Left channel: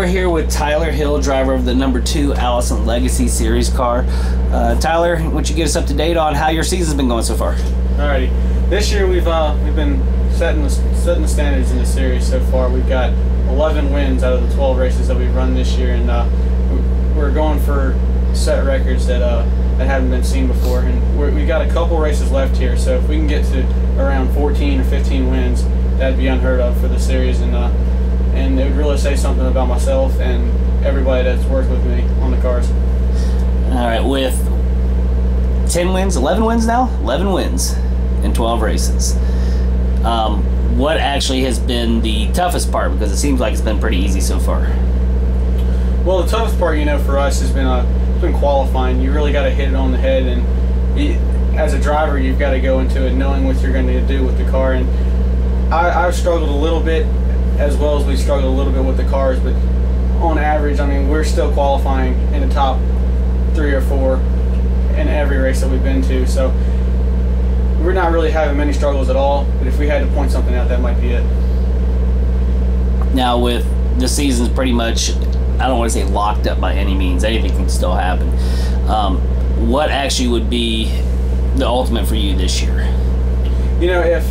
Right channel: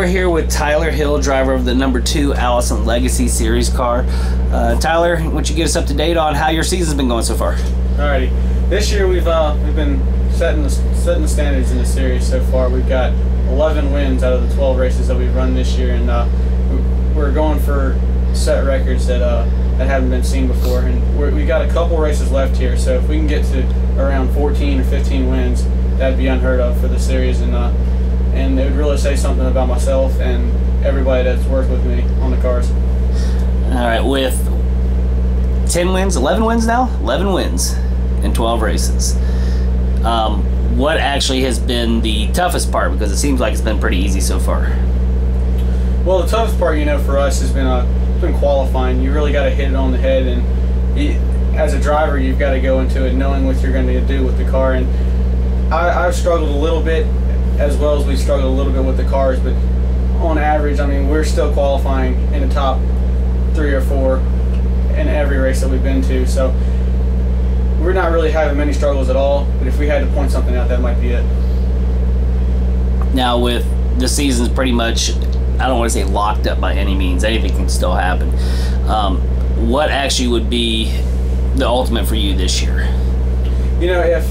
we're here with Tyler Hill, driver of the #2 Allison Legacy Series car. Tyler, why don't you get us up to date on how your season's been going so far? Alrighty, this year we've been setting the standards in the series so far. We've got 11 wins out of the 12 races that we've run this year, and we're going for set records that haven't been seen before. And we got a couple races left here, so if we can get to around 14 or 15 wins, that'd be unheard of for the series, and it would really say something about myself and everybody that's worked with me on the cars. All right, with 10 wins, 11 wins now? 11 wins in 12 races. What actually has been the toughest part? Because it seems like it's been pretty easy so far. Well, the toughest part, for us has been qualifying. You really got to hit it on the head, and as a driver, you've got to go into it knowing what you're going to do with the car. And I've struggled a little bit, as well as we struggled a little bit with the cars, but on average, I mean, we're still qualifying in the top 3 or 4 in every race that we've been to, so we're not really having many struggles at all. But if we had to point something out, that might be it. Now, with the season's pretty much, I don't want to say locked up by any means, anything can still happen. What actually would be the ultimate for you this year? If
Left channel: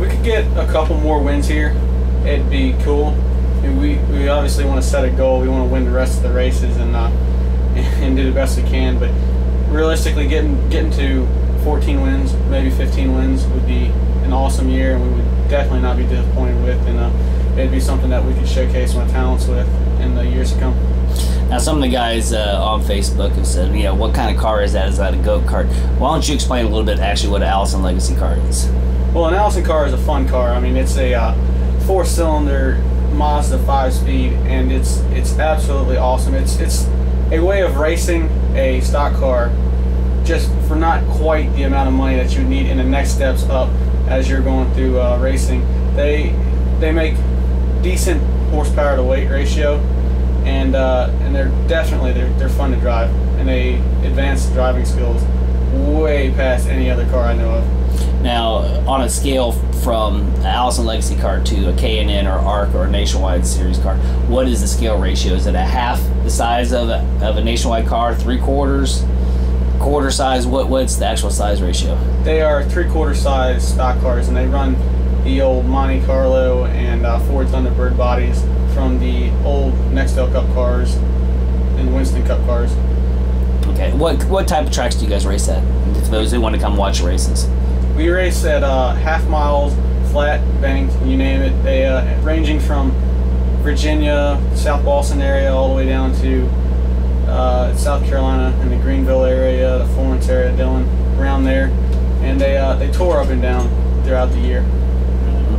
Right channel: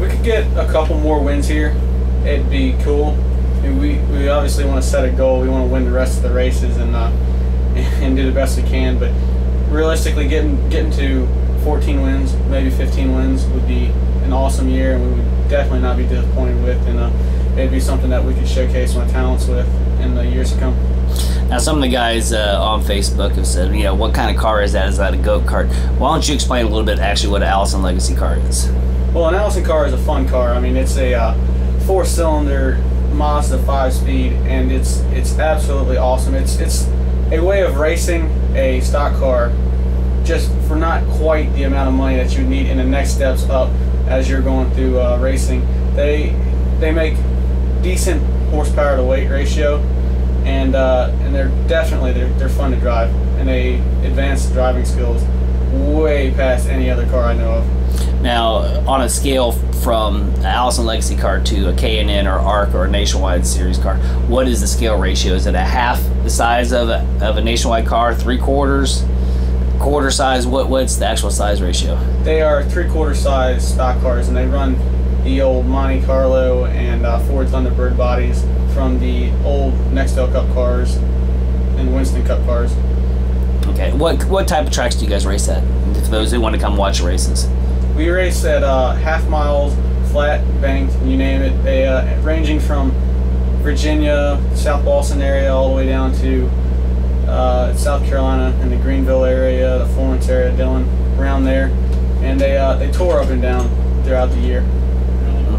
we could get a couple more wins here, it'd be cool. And we obviously want to set a goal. We want to win the rest of the races and do the best we can. But realistically, getting to 14 wins, maybe 15 wins, would be an awesome year, and we would definitely not be disappointed with. And it'd be something that we could showcase my talents with in the years to come. Now, some of the guys on Facebook have said, what kind of car is that? Is that a go-kart? Why don't you explain a little bit actually what an Allison Legacy car is? Well, an Allison car is a fun car. I mean, it's a 4-cylinder Mazda 5-speed, and it's absolutely awesome. It's a way of racing a stock car just for not quite the amount of money that you need in the next steps up as you're going through racing. They make decent horsepower to weight ratio, and they're definitely they're fun to drive, and they advance the driving skills way past any other car I know of. Now, on a scale from an Allison Legacy car to a K&N or ARC or a Nationwide Series car, what is the scale ratio? Is it a half the size of a Nationwide car, 3/4, quarter size? What's the actual size ratio? They are 3/4 size stock cars, and they run the old Monte Carlo and Ford Thunderbird bodies from the old Nextel Cup cars and Winston Cup cars. Okay, what type of tracks do you guys race at, for those who want to come watch races? We race at half miles, flat, banked, you name it. They ranging from Virginia, South Boston area, all the way down to South Carolina and the Greenville area, the Florence area, Dillon, around there. And they tour up and down throughout the year.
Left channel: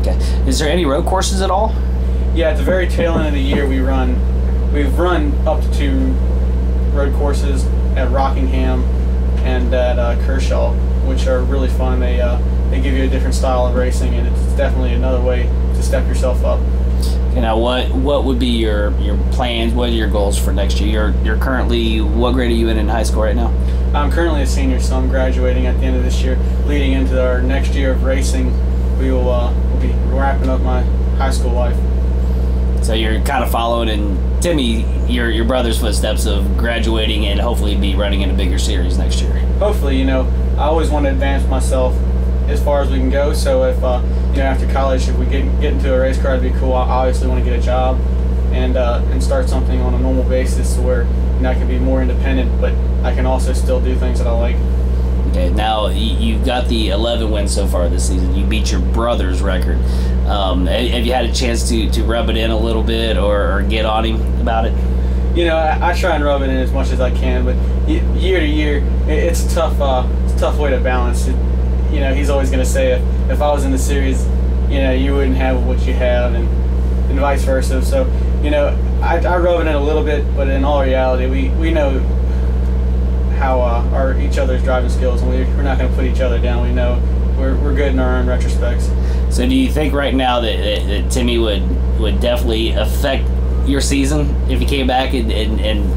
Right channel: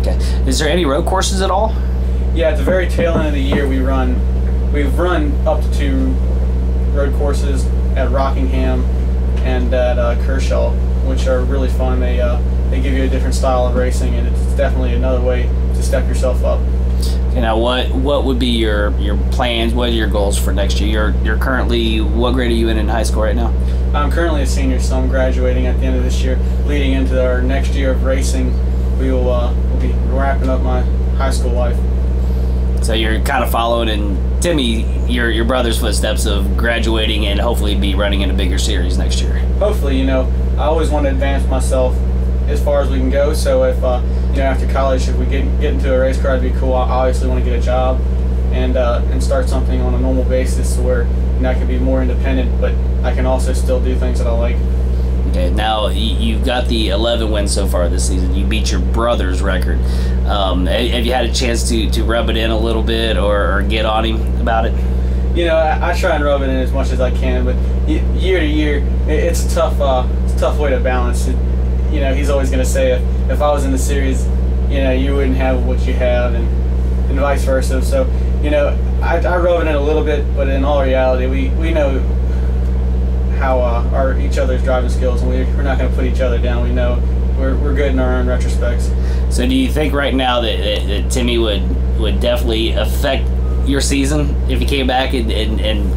Okay. Is there any road courses at all? Yeah, at the very tail end of the year, we've run up to 2 road courses at Rockingham and at Kershaw, which are really fun. They give you a different style of racing, and it's definitely another way to step yourself up. Okay, now what would be your plans? What are your goals for next year? You're currently, what grade are you in high school right now? I'm currently a senior, so I'm graduating at the end of this year. Leading into our next year of racing, we'll be wrapping up my high school life. So you're kind of following in Timmy, your brother's footsteps of graduating and hopefully be running in a bigger series next year. Hopefully, I always want to advance myself as far as we can go. So if after college, if we get into a race car, it'd be cool. I obviously want to get a job and start something on a normal basis where I can be more independent, but I can also still do things that I like. Okay, now you've got the 11 wins so far this season. You beat your brother's record. Have you had a chance to rub it in a little bit or get on him about it? I try and rub it in as much as I can, but year to year, it's a tough way to balance it. He's always going to say if I was in the series, you wouldn't have what you have, and vice versa. So, I rub it in a little bit, but in all reality, we know how each other's driving skills, and we're not going to put each other down. We know we're good in our own retrospects. So do you think right now that Timmy would definitely affect your season if he came back and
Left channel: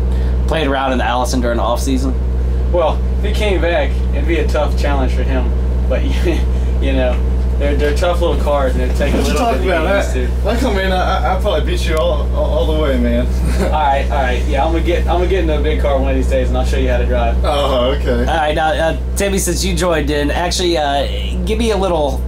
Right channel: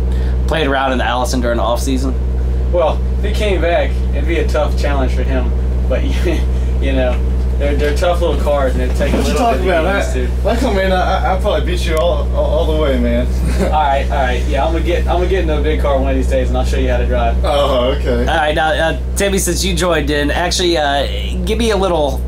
played around in the Allison during the off season? Well, if he came back, it'd be a tough challenge for him. But they're tough little cars, and it takes a little bit to get used to. Like, I mean, I probably beat you all the way, man. all right. Yeah, I'm gonna get into a big car one of these days, and I'll show you how to drive. Oh, okay. All right, now Timmy, since you joined in, actually, give me a little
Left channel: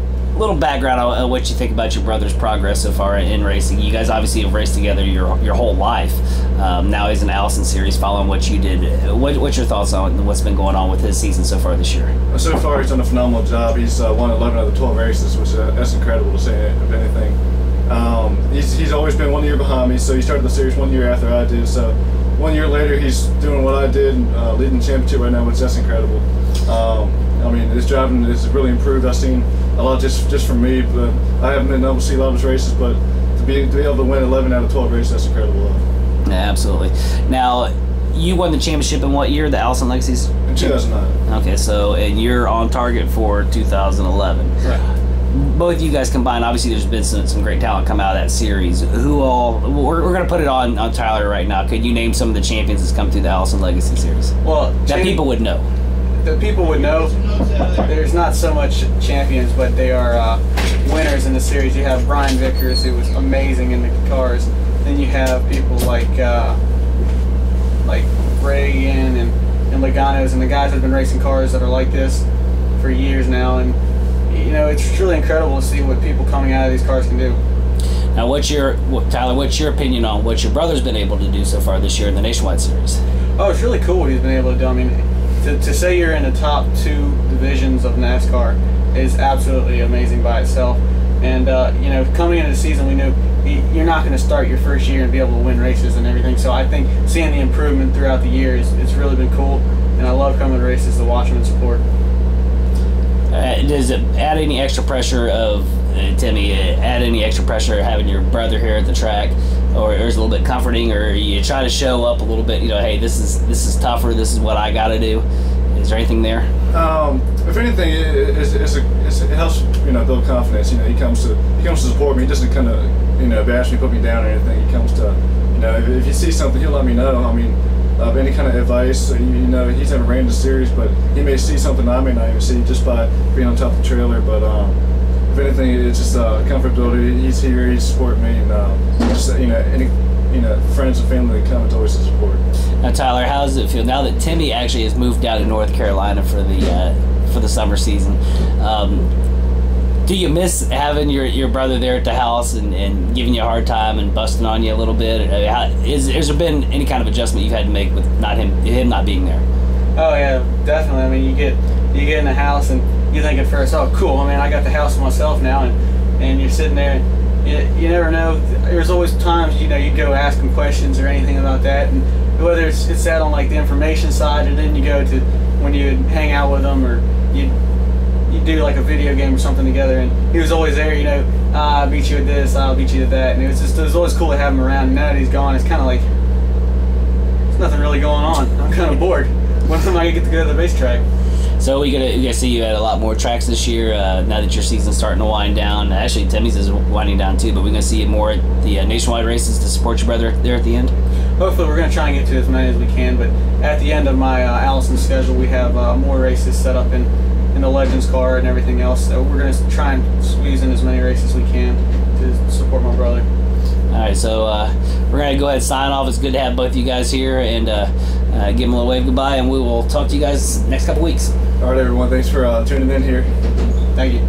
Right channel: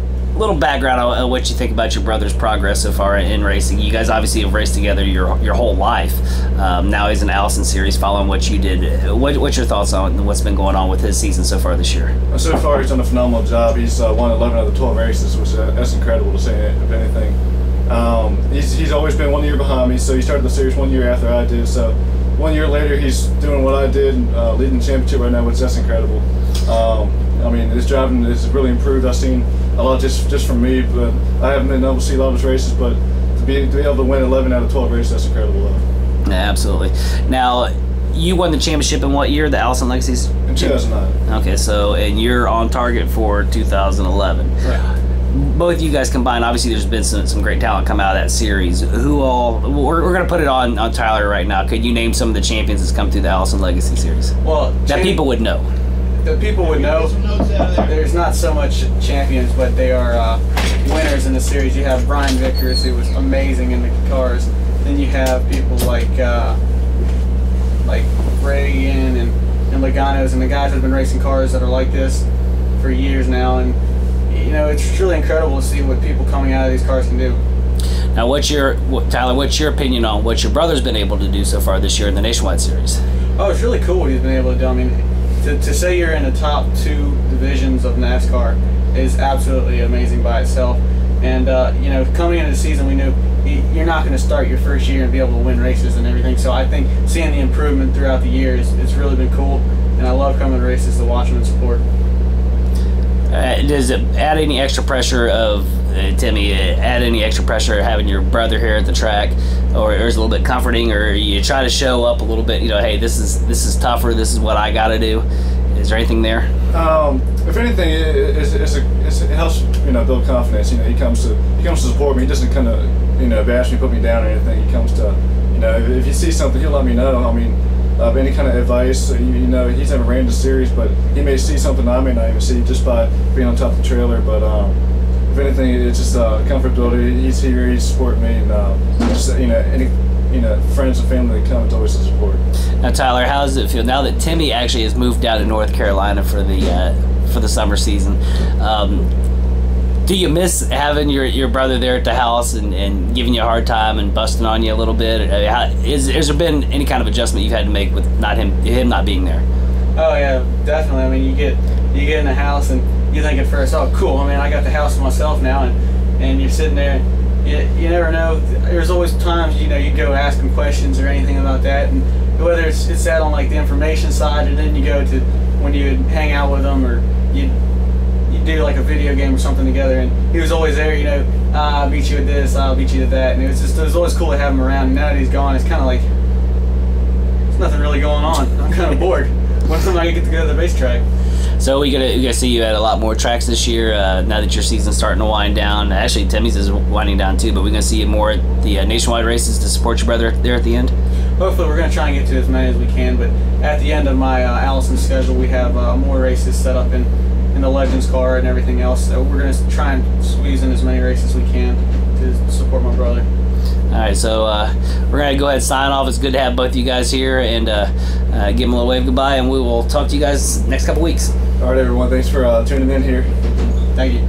background on what you think about your brother's progress so far in racing. You guys obviously have raced together your whole life. Now he's in the Allison Series, following what you did. What's your thoughts on what's been going on with his season so far this year? So far, he's done a phenomenal job. He's won 11 out of the 12 races, which that's incredible to say, if anything. He's always been 1 year behind me, so he started the series 1 year after I did. So 1 year later, he's doing what I did, leading the championship right now, which that's incredible. I mean, his driving has really improved. I've seen a lot just from me, but I haven't been able to see a lot of his races. But to be able to win 11 out of 12 races, that's incredible. Yeah, absolutely. Now, you won the championship in what year? The Allison Legacy's? In 2009. Okay, so and you're on target for 2011. Right. Both of you guys combined, obviously there's been some great talent come out of that series. Who all, we're going to put it on Tyler right now. Could you name some of the champions that's come through the Allison Legacy series? Well, that people would know. The people would know. There's not so much champions, but they are winners in the series. You have Brian Vickers, who was amazing in the cars. Then you have people like Reagan and Logano's, and the guys that have been racing cars that are like this for years now. And you know, it's truly incredible to see what people coming out of these cars can do. Now, Tyler, what's your opinion on what your brother's been able to do so far this year in the Nationwide Series? Oh, it's really cool what he's been able to do. I mean, to say you're in the top 2 divisions of NASCAR is absolutely amazing by itself. And you know, coming into the season, we knew you're not going to start your first year and be able to win races and everything. So I think seeing the improvement throughout the year it's really been cool, and I love coming to races to watch them and support. Does it add any extra pressure of Timmy? Add any extra pressure having your brother here at the track, or is it a little bit comforting, or you try to show up a little bit? You know, hey, this is tougher. This is what I got to do. Is there anything there? If anything, it helps, you know, build confidence. You know, he comes to support me. He doesn't kind of, you know, bash me, put me down or anything. He comes to, you know, if he sees something, he'll let me know. I mean, any kind of advice. You know, he's never ran the series, but he may see something I may not even see just by being on top of the trailer. But if anything, it's just comfortability. He's here, he's supporting me, and just, you know, any friends and family that come, it's always a support. Now, Tyler, how does it feel now that Timmy actually has moved down to North Carolina for the summer season? Do you miss having your brother there at the house and giving you a hard time and busting on you a little bit? Has there been any kind of adjustment you've had to make with him not being there? Oh yeah, definitely. I mean, you get in the house and you think at first, oh cool, I mean, I got the house to myself now, and you're sitting there. You never know. There's always times, you know, you go ask them questions or anything about that, and whether it's that on like the information side, or then you go to when you hang out with them, or you do like a video game or something together, and he was always there. You know, I beat you at this, I'll beat you at that, and it was always cool to have him around. And now that he's gone, it's kind of like there's nothing really going on. I'm kind of bored. When's I get to go to the racetrack? So we gonna see you at a lot more tracks this year. Now that your season's starting to wind down, actually Timmy's is winding down too. But we're gonna see you more at the nationwide races to support your brother there at the end. Hopefully, we're gonna try and get to as many as we can. But at the end of my Allison schedule, we have more races set up in the Legends car and everything else. So we're gonna try and squeeze in as many races as we can to support my brother. All right, so we're going to go ahead and sign off. It's good to have both of you guys here, and give them a little wave goodbye, and we will talk to you guys next couple weeks. All right, everyone. Thanks for tuning in here. Thank you.